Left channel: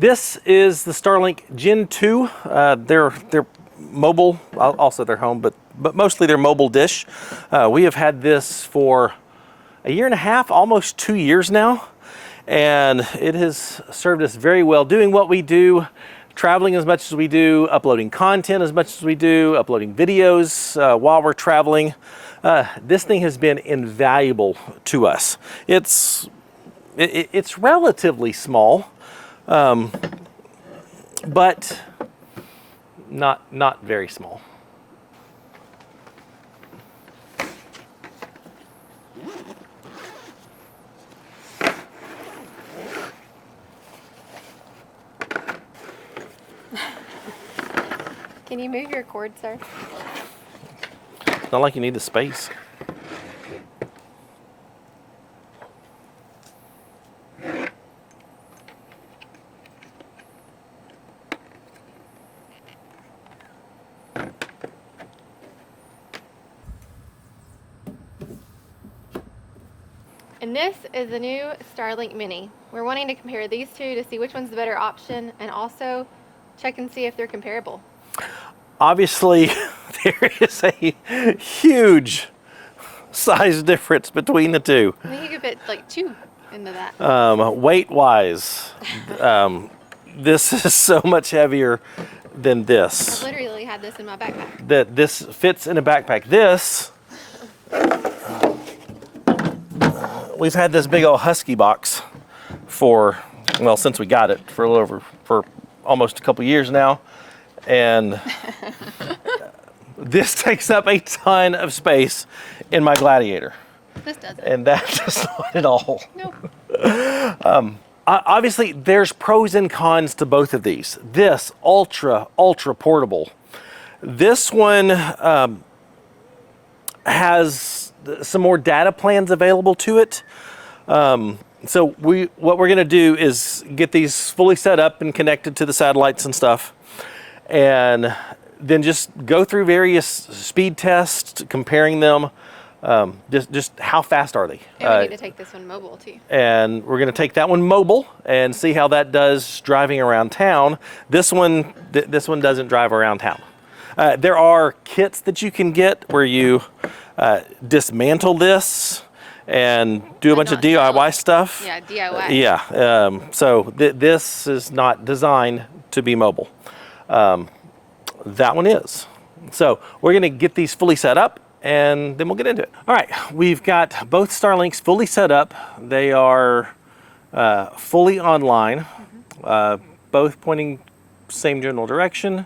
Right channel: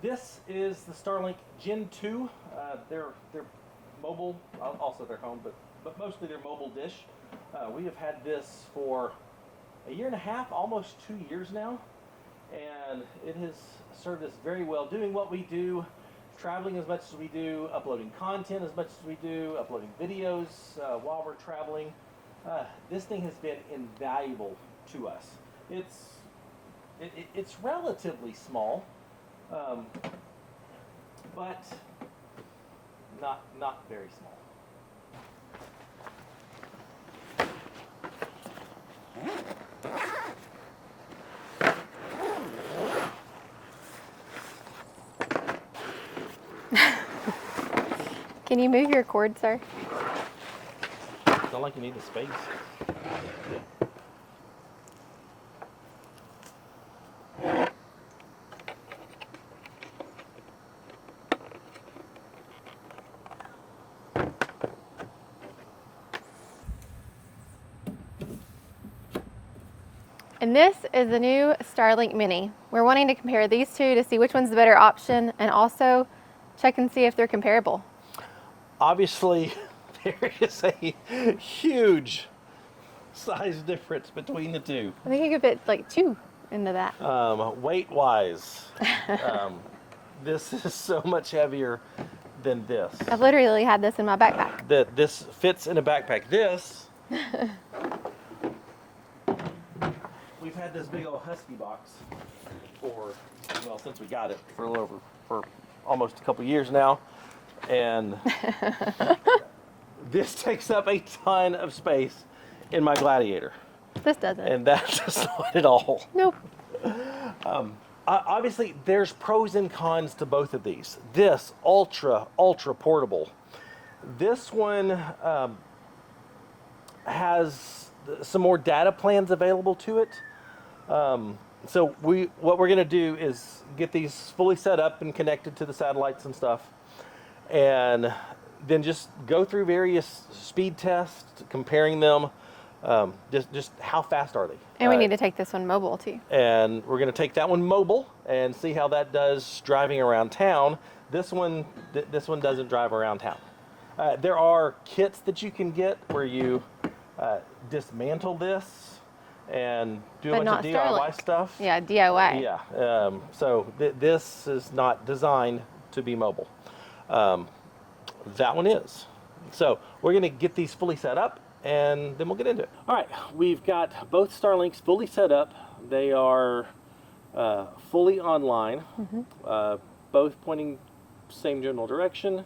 This is the Starlink Gen 2. They're mobile, also their home, but mostly their mobile dish. We have had this for a year and a half, almost 2 years now, and it has served us very well, doing what we do, traveling as much as we do, uploading content as much as we do, uploading videos while we're traveling. This thing has been invaluable to us. It's relatively small, but not very small. Can you move your cord, sir? It's not like you need the space. And this is the new Starlink Mini. We're wanting to compare these two to see which one's the better option and also check and see if they're comparable. Obviously, there is a huge size difference between the two. I think you could fit like 2 into that. Weight-wise, this is so much heavier than this. I've literally had this in my backpack. This fits in a backpack. This, we've had this big old Husky box for, well, since we got it, for almost a couple years now. And this takes up a ton of space in my Gladiator. This doesn't. And that does not at all. Nope. Obviously, there's pros and cons to both of these. This, ultra portable. This one has some more data plans available to it. So what we're gonna do is get these fully set up and connected to the satellites and stuff, and then just go through various speed tests, comparing them. Just how fast are they? And we need to take this one mobile too. And we're going to take that one mobile and see how that does driving around town. This one doesn't drive around town. There are kits that you can get where you dismantle this and do a bunch of DIY stuff. Yeah, DIY. Yeah. So this is not designed to be mobile. That one is. So we're going to get these fully set up, and then we'll get into it. All right, we've got both Starlinks fully set up. They are fully online, both pointing same general direction.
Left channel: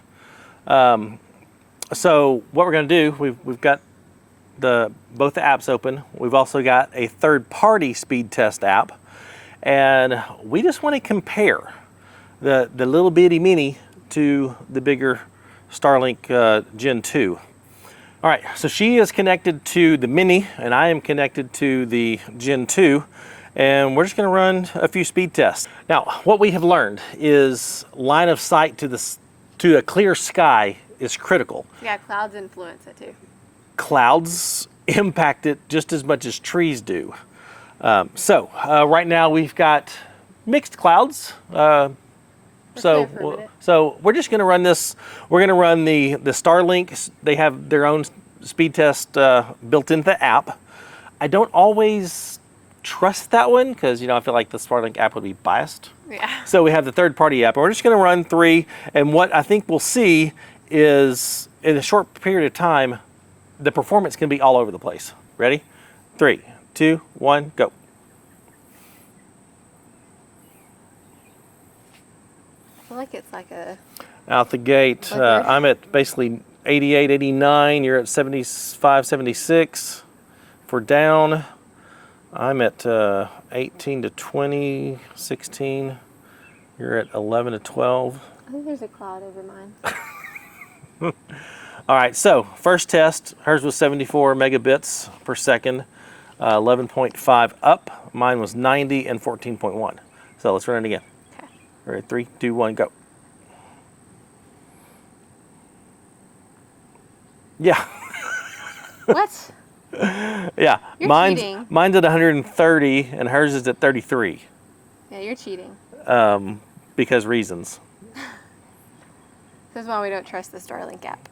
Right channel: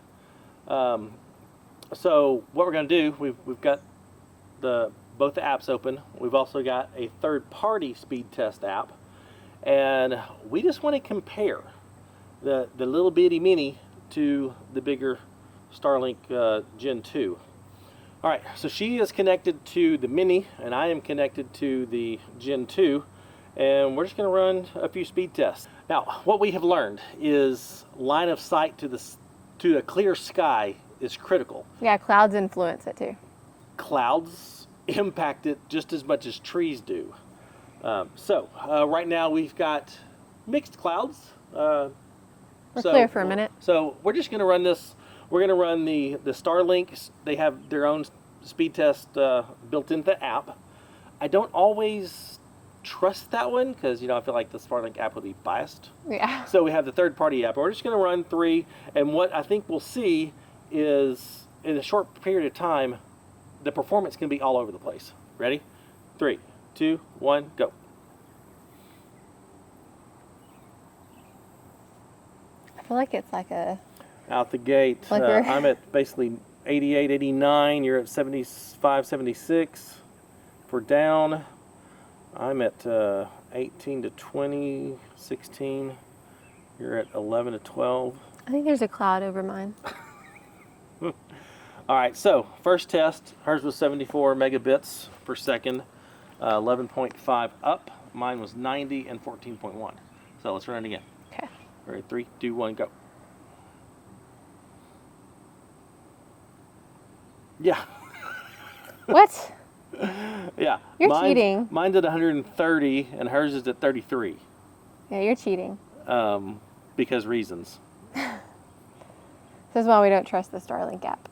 So what we're going to do, we've got both the apps open. We've also got a third-party speed test app, and we just want to compare the little bitty Mini to the bigger Starlink Gen 2. All right, so she is connected to the Mini, and I am connected to the Gen 2, and we're just gonna run a few speed tests. Now, what we have learned is line of sight to a clear sky is critical. Yeah, clouds influence it too. Clouds impact it just as much as trees do. Right now we've got mixed clouds. Clear for a minute. So we're just going to run this. We're going to run the Starlink. They have their own speed test built into the app. I don't always trust that one because, I feel like the Starlink app would be biased. Yeah. So we have the third-party app. We're just going to run 3, and what I think we'll see is in a short period of time, the performance can be all over the place. Ready? 3, 2, 1, go. I feel like it's like a... Out the gate, I'm at basically 88, 89. You're at 75, 76. For down, I'm at 18 to 20, 16. You're at 11 to 12. I think there's a cloud over mine. All right, so first test, hers was 74 megabits per second, 11.5 up. Mine was 90 and 14.1. So let's run it again. Okay. Ready, 3, 2, 1, go. Yeah. What? Yeah. You're cheating. Mine's at 130 and hers is at 33. Yeah, you're cheating. because reasons. This is why we don't trust the Starlink app.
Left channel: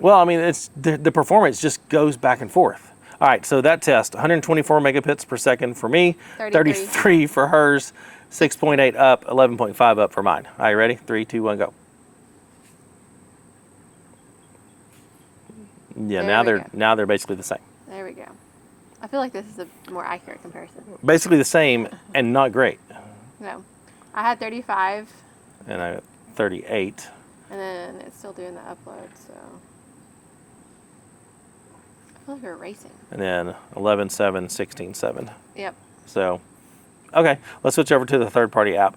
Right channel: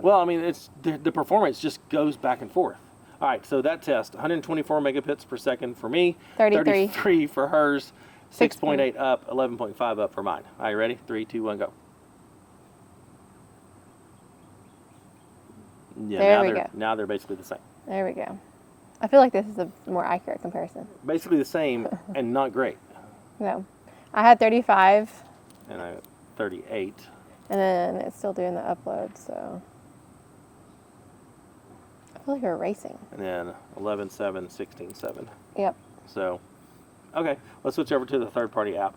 Well, I mean, it's the performance just goes back and forth. All right, so that test, 124 megabits per second for me, 33 for hers, 6.8 up, 11.5 up for mine. All right, ready? 3, 2, 1, go. Yeah, now they're basically the same. There we go. I feel like this is a more accurate comparison. Basically the same and not great. No. I had 35. And I got 38. And then it's still doing the upload, so. I feel like we're racing. And then 11, 7, 16, 7. Yep. So, okay, let's switch over to the third-party app.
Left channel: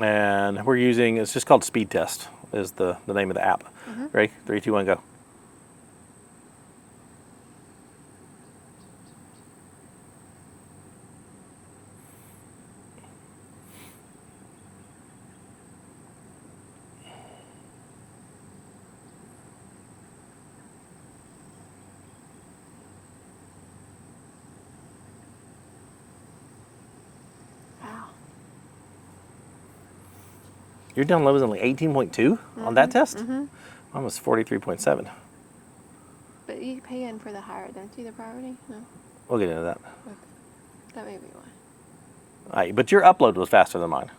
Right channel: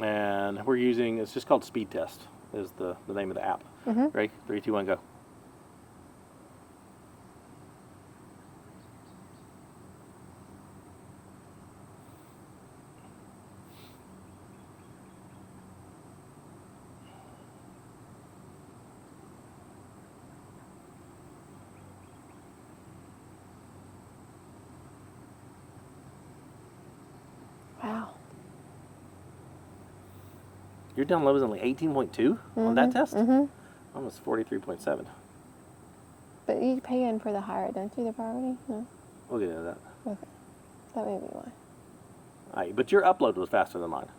And we're using, it's just called Speed Test is the name of the app. Ready? 3, 2, 1, go. Wow. Your download was only 18.2 on that test? Mine was 43.7. But you pay in for the higher, don't you, the priority? No? We'll get into that. Okay. That may be why. All right, but your upload was faster than mine.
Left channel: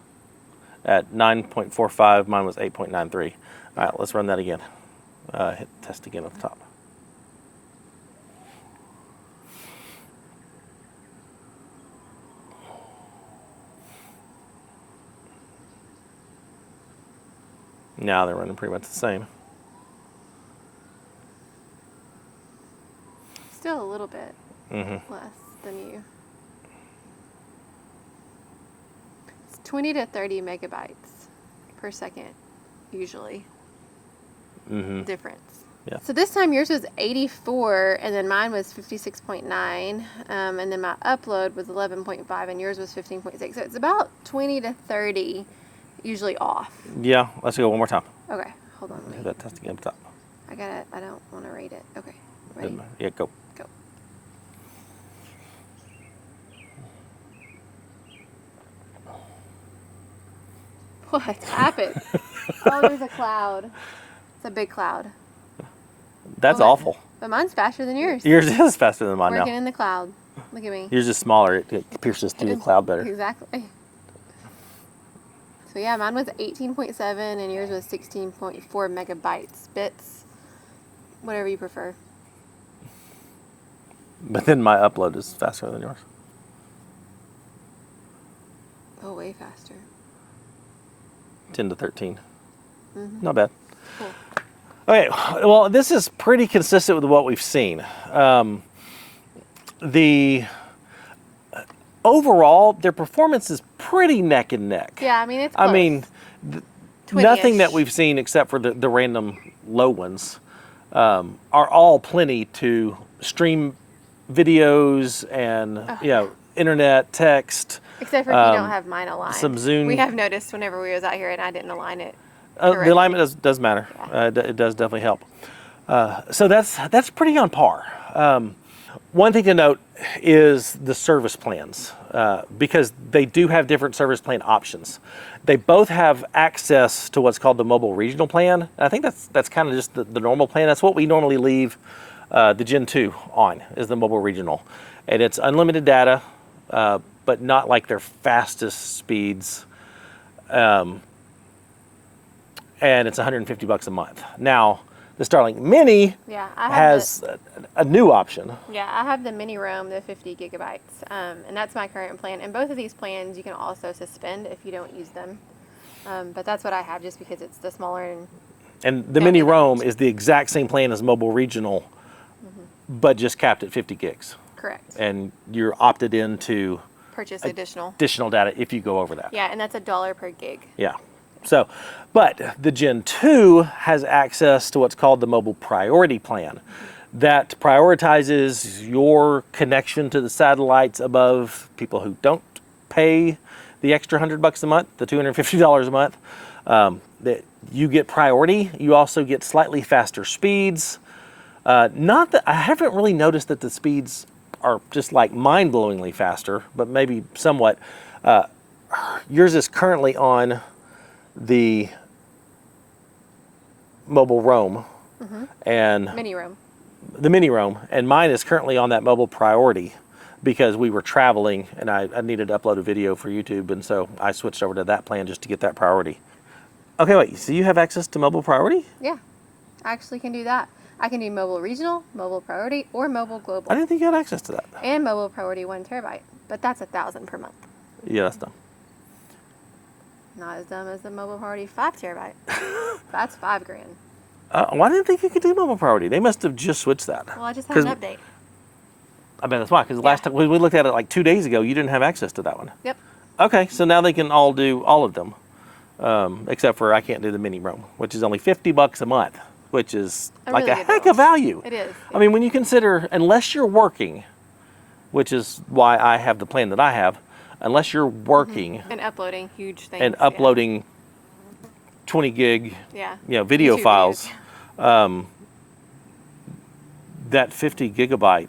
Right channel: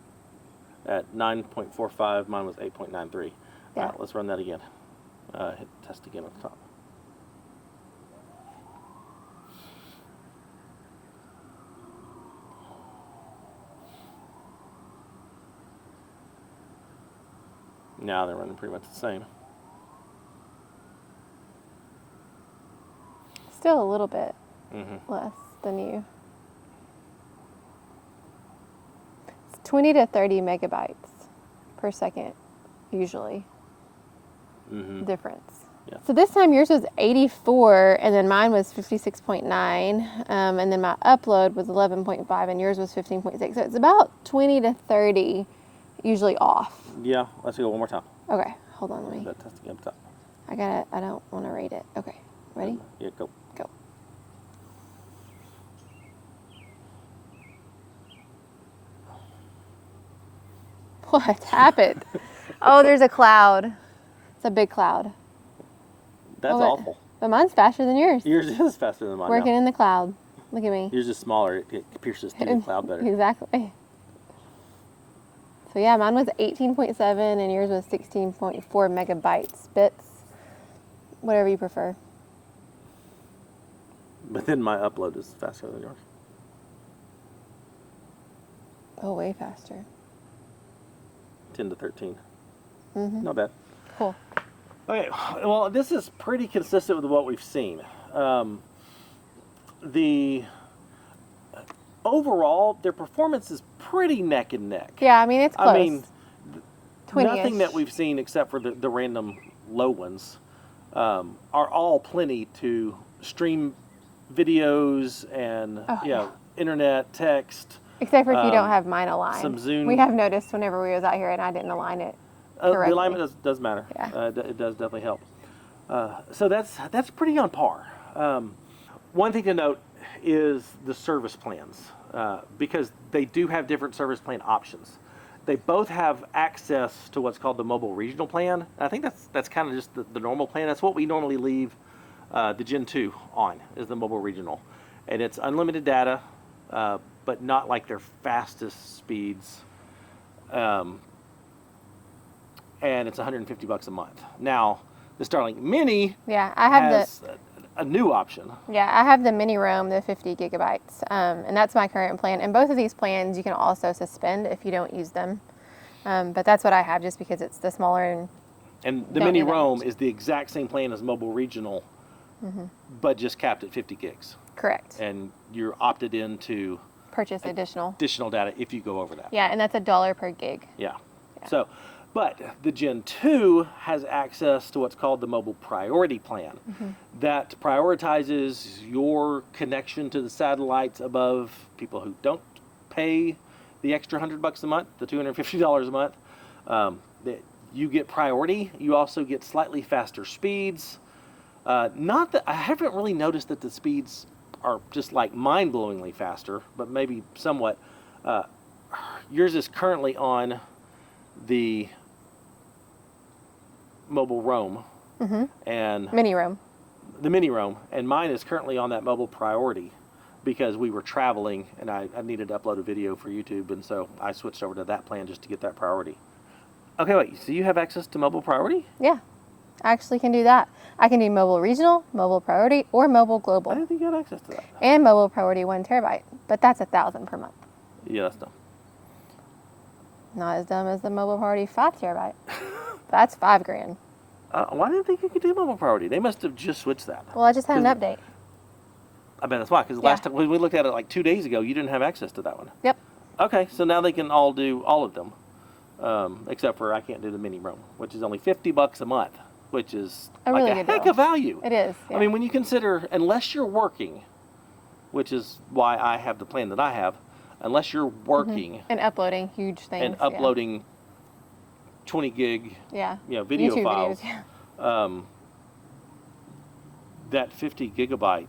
At 9.45, mine was 8.93. All right, let's run that again. Hit test again at the top. Now they're running pretty much the same. Still a little bit less than you. It's 20 to 30 megabytes per second, usually. Difference. Yeah. So this time yours was 84, and then mine was 56.9, and then my upload was 11.5, and yours was 15.6. So it's about 20 to 30 usually off. Yeah, let's go one more time. Okay, hold on. Let me. That test again at the top. I don't want to rate it. Okay, ready? Yeah, go. Go. What happened? Oh, there's a cloud. It's a big cloud. That's awful. But mine's faster than yours. Yours is faster than mine Working now. in the cloud. Look at me. Yours is smaller. It pierces through the cloud better. Exactly. So yeah, mine was 18.7 and yours was 16.4 megabytes, bits, whatever you prefer. But then my upload is faster than yours. Oh, way faster. 10 to 13. Not bad. Cool. Okay, well, this is pretty consistent with what we've seen. Overall, their performance is pretty neck and neck. Yeah, I mean, it's close. I mean, nothing that we've seen except for the random low ones are all plenty to stream videos and internet, text. Except for if you don't have mine aligned. Some Zoom. We have noticed whenever we was out here and I didn't align it. The alignment does matter. Yeah. It does definitely help. So that's pretty on par. One thing to note is the service plans, because they do have different service plan options. They both have access to what's called the mobile regional plan. I think that's kind of just the normal plan. That's what we normally leave the Gen 2 on, is the mobile regional. And it's unlimited data, but not like their fastest speeds. And it's $150 a month. Now, the Starlink Mini has a new option. Yeah, I have the Mini Roam, the 50 gigabytes, and that's my current plan. And both of these plans you can also suspend if you don't use them. But that's what I have just because it's the smaller. And the Mini Roam is the exact same plan as Mobile Regional, but just capped at 50 gigs. Correct. And you're opted in to purchase additional data if you go over that. Yeah, and that's $1 per gig. Yeah. So, but the Gen 2 has access to what's called the Mobile Priority Plan that prioritizes your connection to the satellites above people who don't pay the extra $100 a month, the $250 a month. That you get priority. You also get slightly faster speeds. Not that I haven't really noticed that the speeds are just like mind-blowingly faster, but maybe somewhat. yours is currently on the mobile roam and Mini room. the mini roam, and mine is currently on that mobile priority because we were traveling and I needed to upload a video for YouTube, and so I switched over to that plan just to get that priority. Okay, wait, so you have access to mobile priority? Yeah, I actually can do that. I can do mobile regional, mobile priority, or mobile global. I didn't think you had access to that. And mobile priority 1 terabyte, but that's $1,000 per month. Yeah, that's dumb. Not as dumb as the mobile priority 5 terabyte. That's $5,000. Why didn't think you could do mobile priority? They must have just switched that. Well, I just had an update. I bet that's why, because last time we looked at it like 2 days ago, you didn't have access to that one. Yep. Okay, so now they can all do all of them, except for I can't do the mini roam, which is only $50 a month, which is like really a good heck deal. of value. It is. I mean, when you consider, unless you're working, which is why I have the plan that I have, unless you're working And uploading huge things. and uploading 20 gig, Yeah. video YouTube files, videos. that 50 gigabyte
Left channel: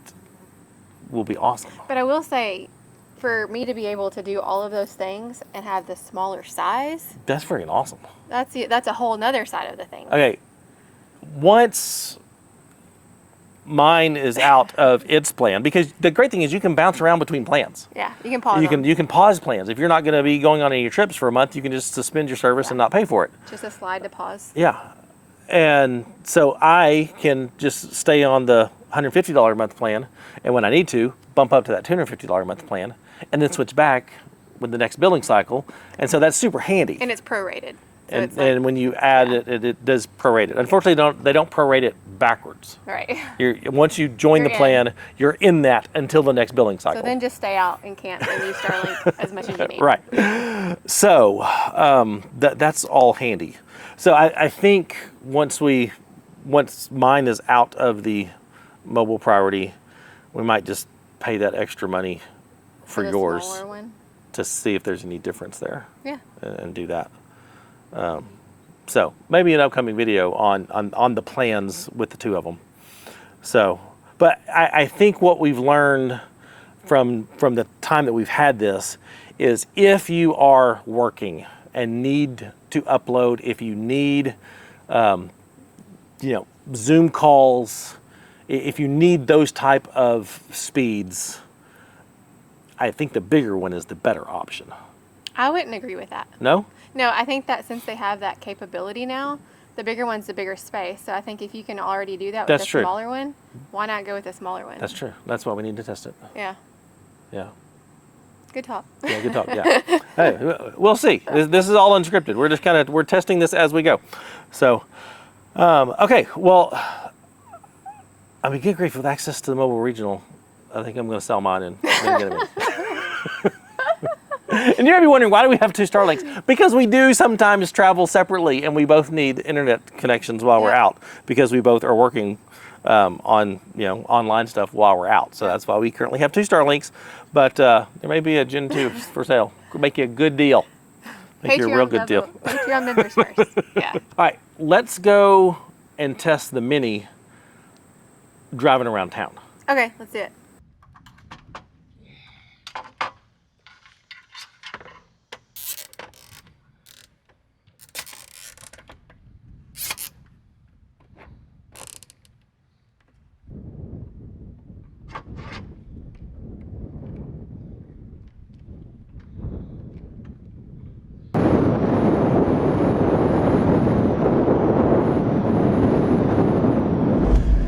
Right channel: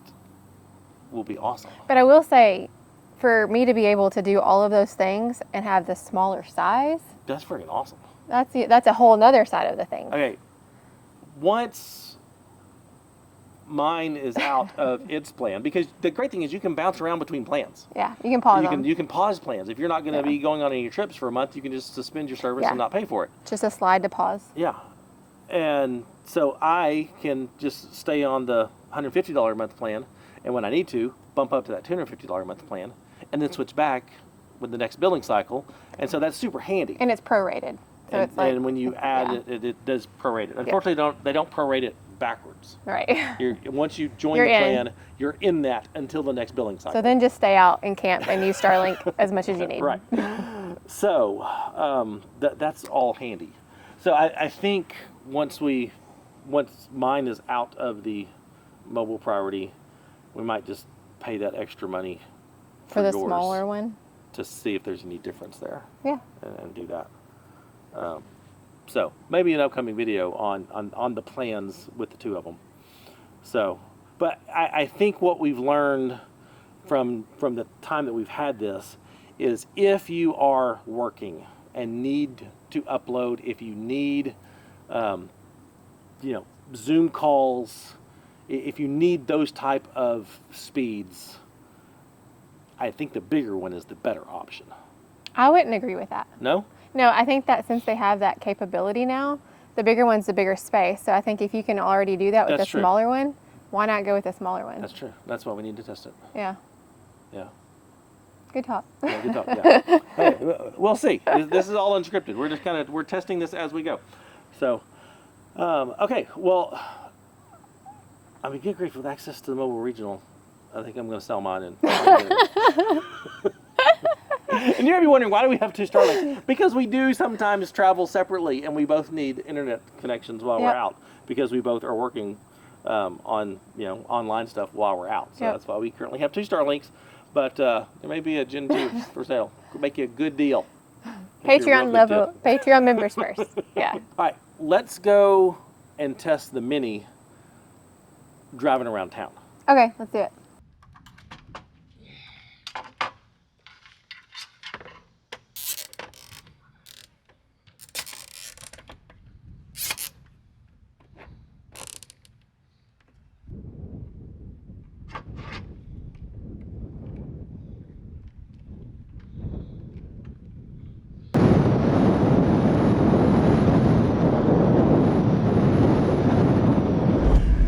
will be awesome. But I will say, for me to be able to do all of those things and have the smaller size, That's freaking awesome. that's a whole nother side of the thing. Okay, once mine is out of its plan, because the great thing is you can bounce around between plans. Yeah, you can pause them. You can pause plans. If you're not going to be going on any of your trips for a month, you can just suspend your service and not pay for it. Just a slide to pause. Yeah. And so I can just stay on the $150 a month plan, and when I need to, bump up to that $250 a month plan, and then switch back with the next billing cycle. And so that's super handy. And it's prorated. So And, it's like, and when you add it does prorate it. Unfortunately, they don't prorate it backwards. right. Once you join You're the in. plan, you're in that until the next billing cycle. So then just stay out and camp and use Starlink as much as you need. Right. So that's all handy. So I think once mine is out of the mobile priority, we might just pay that extra money for the yours smaller one. to see if there's any difference there. Yeah. And do that. So maybe an upcoming video on the plans with the two of them. So, but I think what we've learned from the time that we've had this is if you are working and need to upload, if you need, Zoom calls, if you need those type of speeds, I think the bigger one is the better option. I wouldn't agree with that. No? No, I think that since they have that capability now, the bigger one's the bigger space. So I think if you can already do that with That's the true. smaller one, why not go with the smaller one? That's true. That's why we need to test it. Yeah. Yeah. Good talk. Yeah, good talk. Yeah. Hey, we'll see. This is all unscripted. We're just we're testing this as we go. So, okay. Well, I mean, good grief, with access to the mobile regional, I think I'm going to sell mine and And you're gonna be wondering, why do we have two Starlinks? Because we do sometimes travel separately, and we both need internet connections while we're out, because we both are working on online stuff while we're out. So that's why we currently have two Starlinks. But there may be a Gen 2 for sale. We'll make you a good deal. Make you a real good deal. Patreon members first. Yeah. All right, let's go and test the Mini driving around town. Okay, let's do it.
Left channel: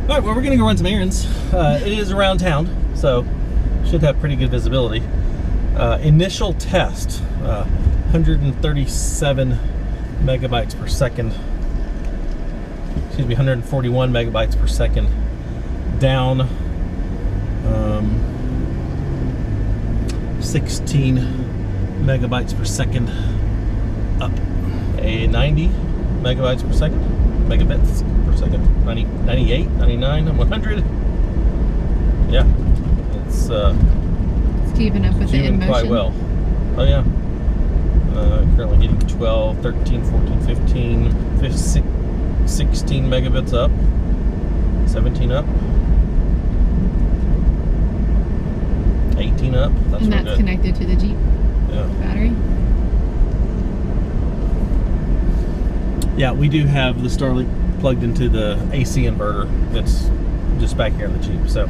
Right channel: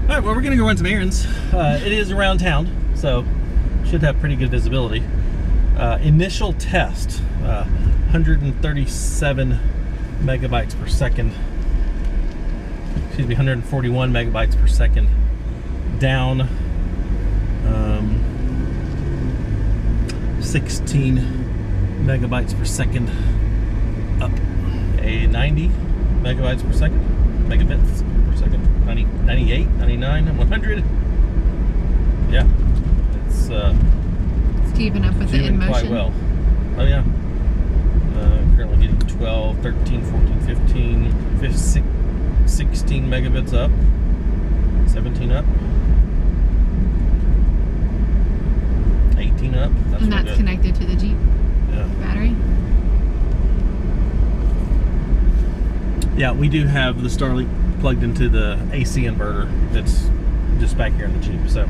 All right, well, we're gonna go run some errands. It is around town, so should have pretty good visibility. Initial test, 137 megabytes per second. Excuse me, 141 megabytes per second. Down 16 megabytes per second. Up a 90 megabytes per second. Megabits per second. 90, 98, 99, 100. Yeah, it's keeping up with the doing in quite motion. well. Oh yeah. Currently getting 12, 13, 14, 15, 16 megabits up, 17 up, 18 up. That's And really that's good. connected to the Jeep Yeah. battery. Yeah, we do have the Starlink plugged into the AC inverter that's just back here in the Jeep. So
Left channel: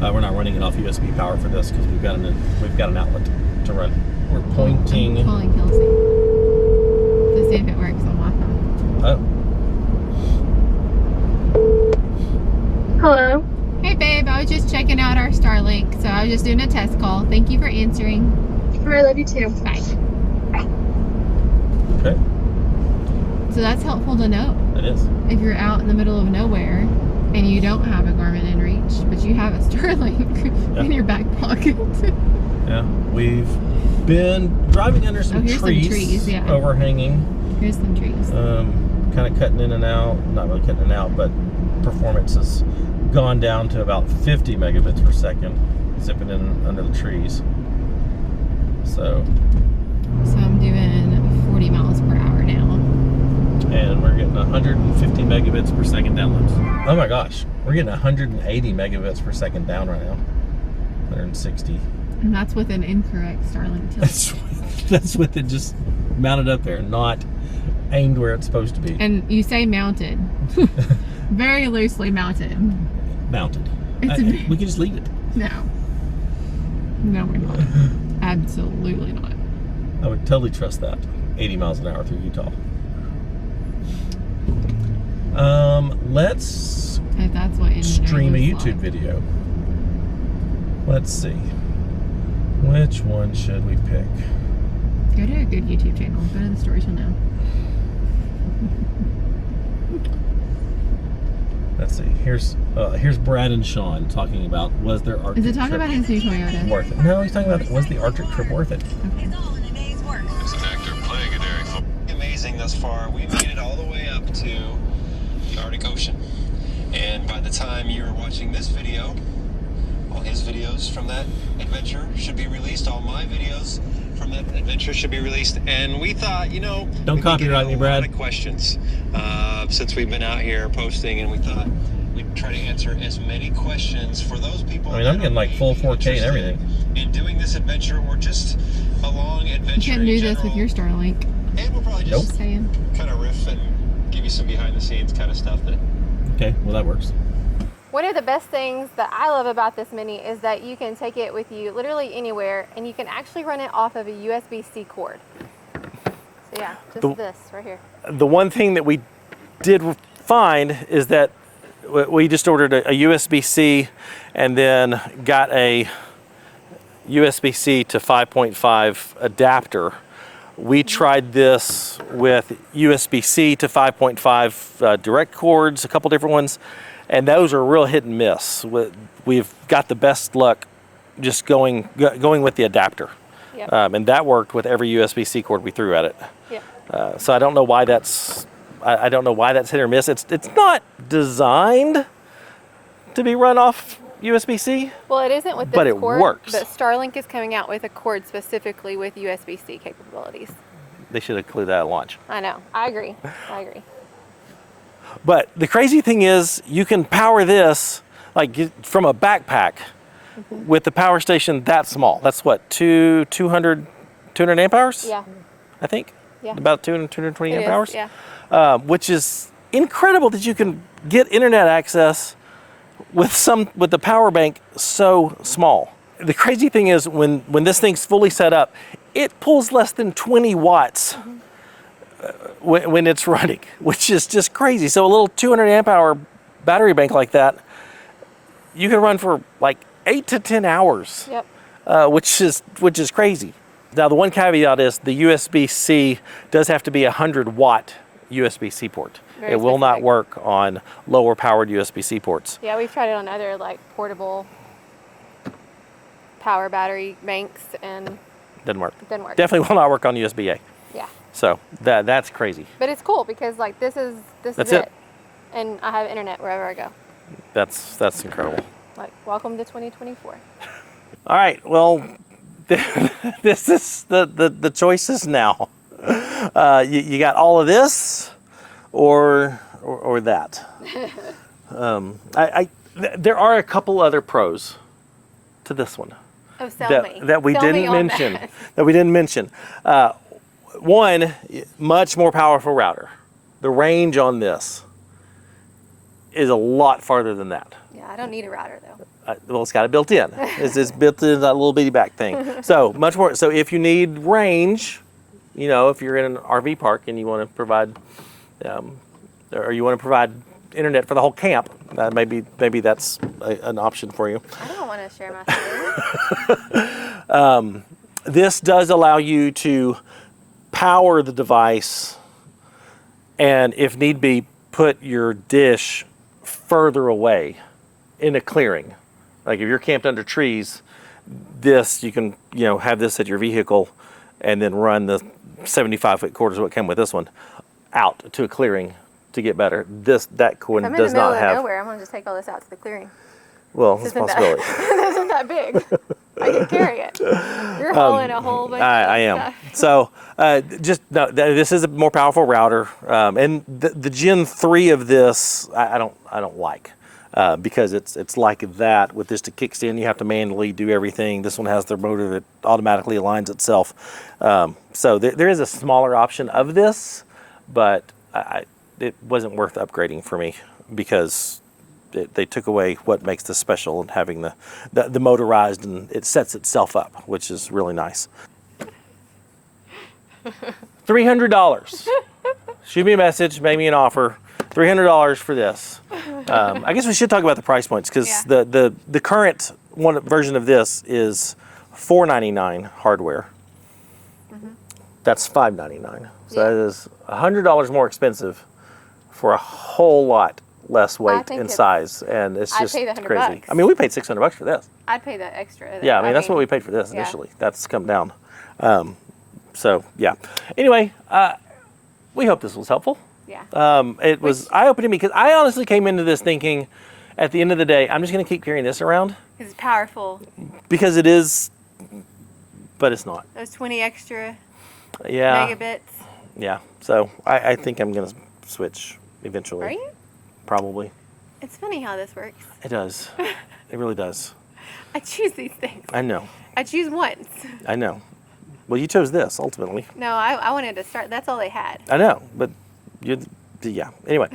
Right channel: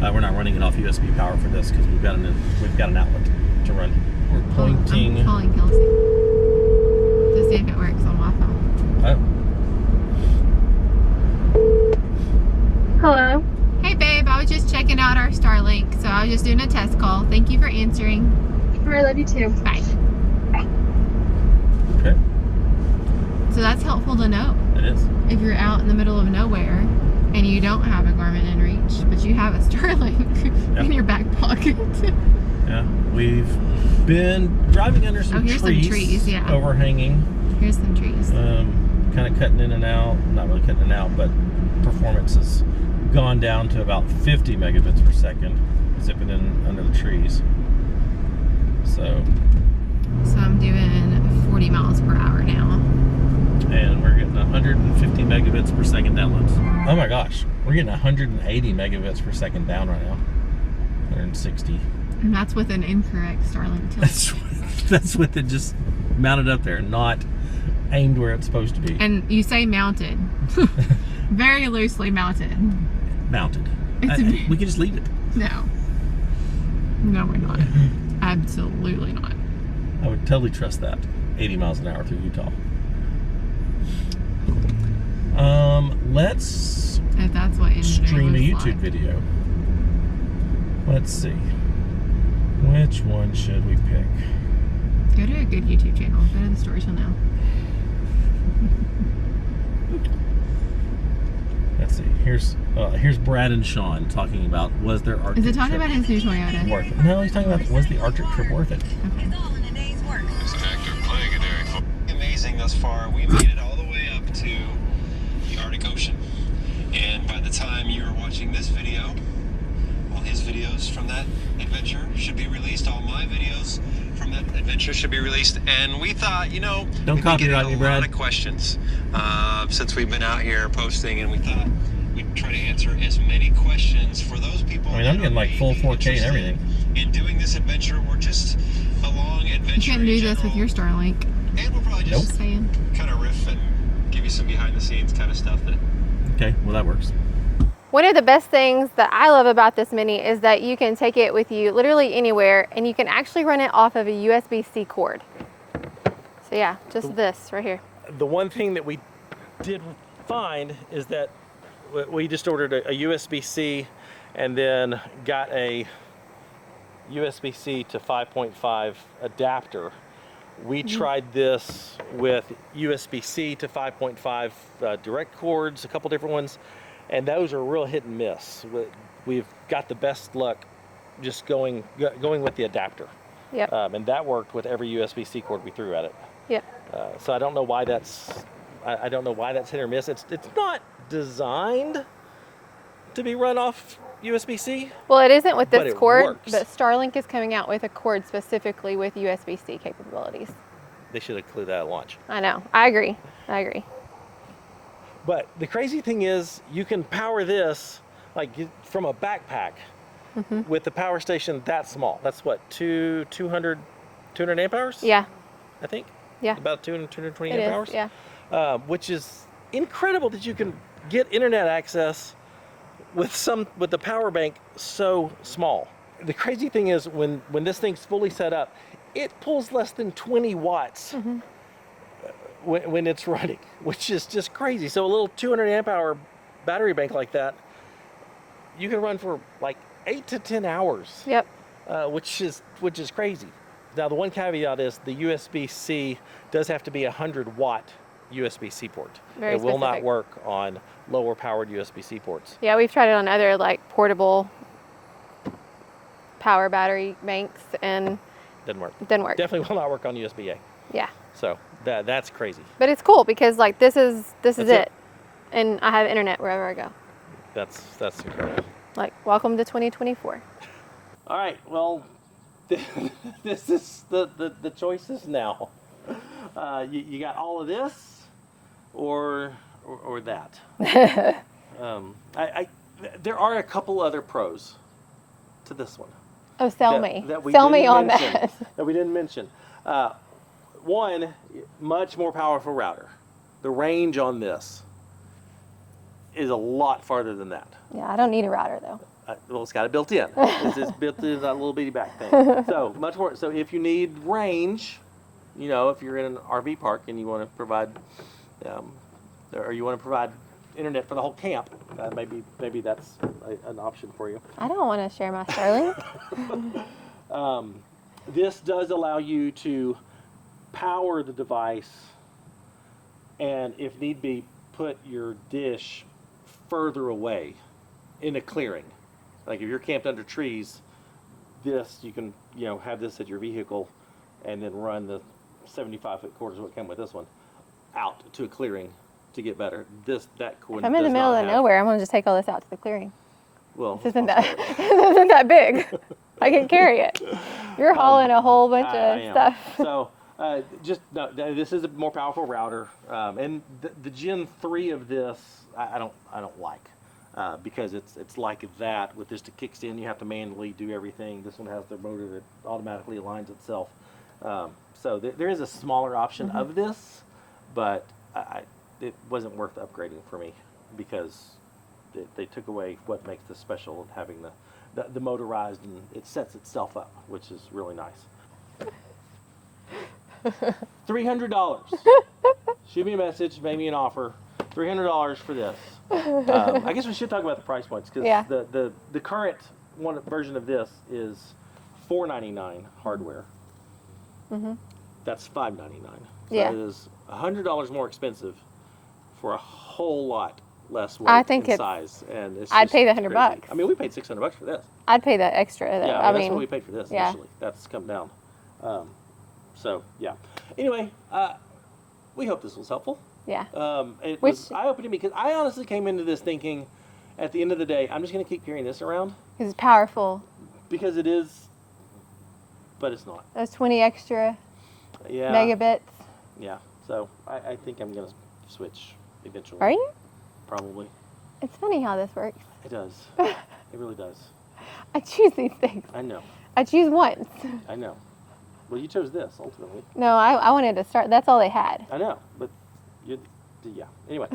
we're not running it off USB power for this because we've got an outlet to run. We're pointing. I'm calling Kelsey to see if it works on my phone. Oh. Hello. Hey babe, I was just checking out our Starlink, so I was just doing a test call. Thank you for answering. I love you too. Bye. Okay. So that's helpful to know. It is. If you're out in the middle of nowhere and you don't have a Garmin inReach, but you have a Starlink in your back pocket. Yeah, we've been driving under some here's trees, some trees, yeah. Overhanging. Here's some trees. Kind of cutting in and out. Not really cutting in and out, but performance has gone down to about 50 megabits per second, zipping in under the trees. So I'm doing 40 miles per hour now. And we're getting 150 megabits per second downloads. Oh my gosh, we're getting 180 megabits per second down right now. 160. And that's with an incorrect Starlink tilt. That's with it just mounted up there, not aimed where it's supposed to be. And you say mounted. Very loosely mounted. Mounted. We can just leave it. No. No, we're not. Absolutely not. I would totally trust that. 80 miles an hour through Utah. Let's If that's what stream a looks YouTube like. video. Let's see. Which one should we pick? Go to a good YouTube channel. Go to the story till now. Let's see. Here's Brad and Sean talking about was their Arctic Is it talking trip about his new Toyota? worth it? No, he's talking about was the Arctic trip worth it? Okay. It's an active plague in area. Amazing thus far. We made it all the way up to the Arctic Ocean. And by the time you're watching this video, all his videos from that adventure should be released. All my videos from that adventure should be released. And we thought, Don't we've been copyright me, getting a Brad. lot of questions since we've been out here posting, and we thought we'd try to answer as many questions for those people. I mean, I'm that getting are like full maybe 4K and everything. interested in doing this adventure or just a long adventure. You can't do this with your Starlink. And we'll probably just Just saying. kind of riff and give you some behind the scenes kind of stuff that. Okay, well that works. One of the best things that I love about this Mini is that you can take it with you literally anywhere, and you can actually run it off of a USB-C cord. So yeah, just this right here. The one thing that we did find is that we just ordered a USB-C and then got a USB-C to 5.5 adapter. We tried this with USB-C to 5.5 direct cords, a couple different ones, and those are real hit and miss. We've got the best luck just going with the adapter. Yep. And that worked with every USB-C cord we threw at it. Yep. So I don't know why that's hit or miss. It's not designed to be run off USB-C. Well, it isn't with this But it cord, works. but Starlink is coming out with a cord specifically with USB-C capabilities. They should have included that at launch. I know. I agree. But the crazy thing is, you can power this from a backpack with the power station that small. That's what, 200 amp hours? Yeah. I think. Yeah. About 220 It amp is, hours. yeah. Which is incredible that you can get internet access with the power bank so small. The crazy thing is when this thing's fully set up, it pulls less than 20 watts when it's running, which is just crazy. So a little 200 amp hour battery bank like that, you can run for like 8 to 10 hours. Yep. Which is crazy. Now the one caveat is the USB-C does have to be a 100-watt USB-C port. Very It will not specific. work on lower powered USB-C ports. Yeah, we've tried it on other portable power battery banks and Doesn't work. didn't work. Definitely will not work on USB-A. Yeah. So that's crazy. But it's cool because this is That's it. it. And I have internet wherever I go. That's incredible. Welcome to 2024. All right, well, this is the choices now. You got all of this, or that. There are a couple other pros to this one Oh, sell me. that we Sell me didn't on mention. that. That we didn't mention. One, much more powerful router. the range on this is a lot farther than that. Yeah, I don't need a router though. Well, it's got it built in. It's built in that little bitty back thing. So much more. So if you need range, you know, if you're in an RV park and you want to provide, or you want to provide internet for the whole camp, maybe that's an option for you. I don't want to share my phone. This does allow you to power the device, and if need be, put your dish further away in a clearing. Like if you're camped under trees, this you can have this at your vehicle, and then run the 75-foot cord is what came with this one out to a clearing to get better. That one I'm in does the middle not of have. nowhere. I'm gonna just take all this out to the clearing. Well, it's a possibility. This isn't that big. I can carry it. You're hauling a whole bunch of I am. stuff. So this is a more powerful router, and the Gen 3 of this I don't like because it's like that. With this to kickstand, you have to manually do everything. This one has the motor that automatically aligns itself. So there is a smaller option of this, but it wasn't worth upgrading for me because they took away what makes this special, and having the motorized, and it sets itself up, which is really nice. $300. Shoot me a message, make me an offer. $300 for this. I guess we should talk about the price points because the current version of this is $499 hardware. Mm-hmm. That's $599. So that is $100 more expensive for a whole lot less weight and size, and it's just I'd pay the $100 crazy. I mean, we paid $600 for this. I'd pay that extra. Yeah, I mean that's what we paid for this initially. That's come down. So yeah. Anyway, we hope this was helpful. Yeah. It was eye-opening because I honestly came into this thinking, at the end of the day, I'm just going to keep carrying this around. It's powerful. Because it is, but it's not. Those 20 extra megabits. megabits. Yeah. So I think I'm going to switch eventually. Are you? Probably. It's funny how this works. It does. It really does. I choose these things. I know. I choose once. I know. Well, you chose this ultimately. No, I wanted to start. That's all they had. I know, but yeah. Anyway,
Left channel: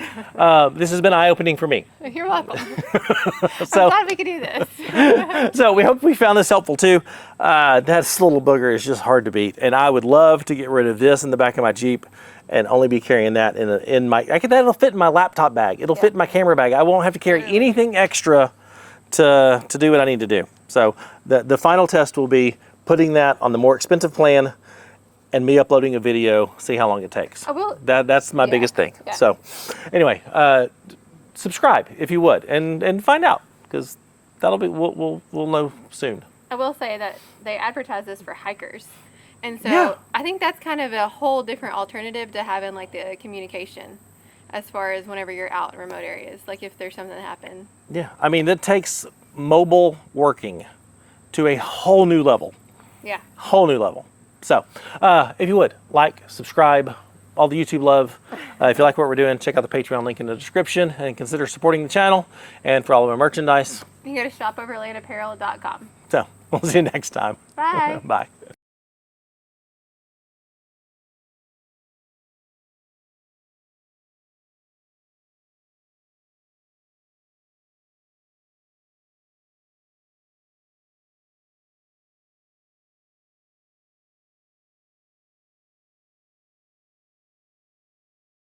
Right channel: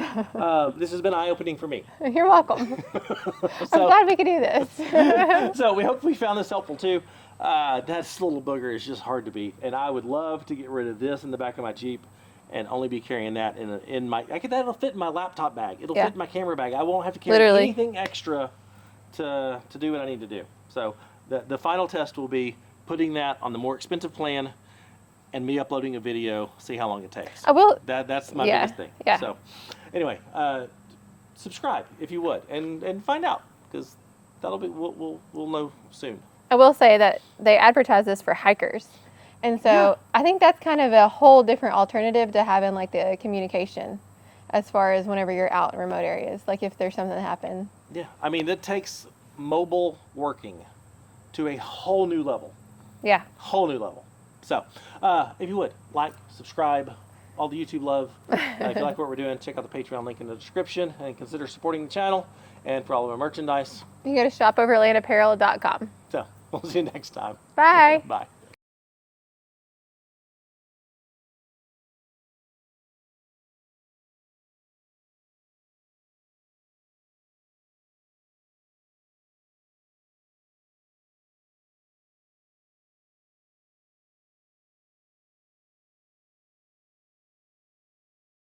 this has been eye-opening for me. You're welcome. I'm glad we could do this. So we hope we found this helpful too. That little booger is just hard to beat, and I would love to get rid of this in the back of my Jeep and only be carrying that in my. That'll fit in my laptop bag. It'll fit in my camera bag. I won't have to carry anything extra to do what I need to do. So the final test will be putting that on the more expensive plan, and me uploading a video, see how long it takes. I will. That's my biggest thing. Yeah. So anyway, subscribe if you would, and find out, because that'll be we'll know soon. I will say that they advertise this for hikers. And so I think that's kind of a whole different alternative to having like the communication as far as whenever you're out in remote areas, like if there's something that happened. Yeah, I mean, that takes mobile working to a whole new level. Yeah. Whole new level. So if you would, like, subscribe, all the YouTube love. If you like what we're doing, check out the Patreon link in the description and consider supporting the channel. And for all of our merchandise, You can go to shopoverlandapparel.com. so we'll see you next time. Bye. Bye.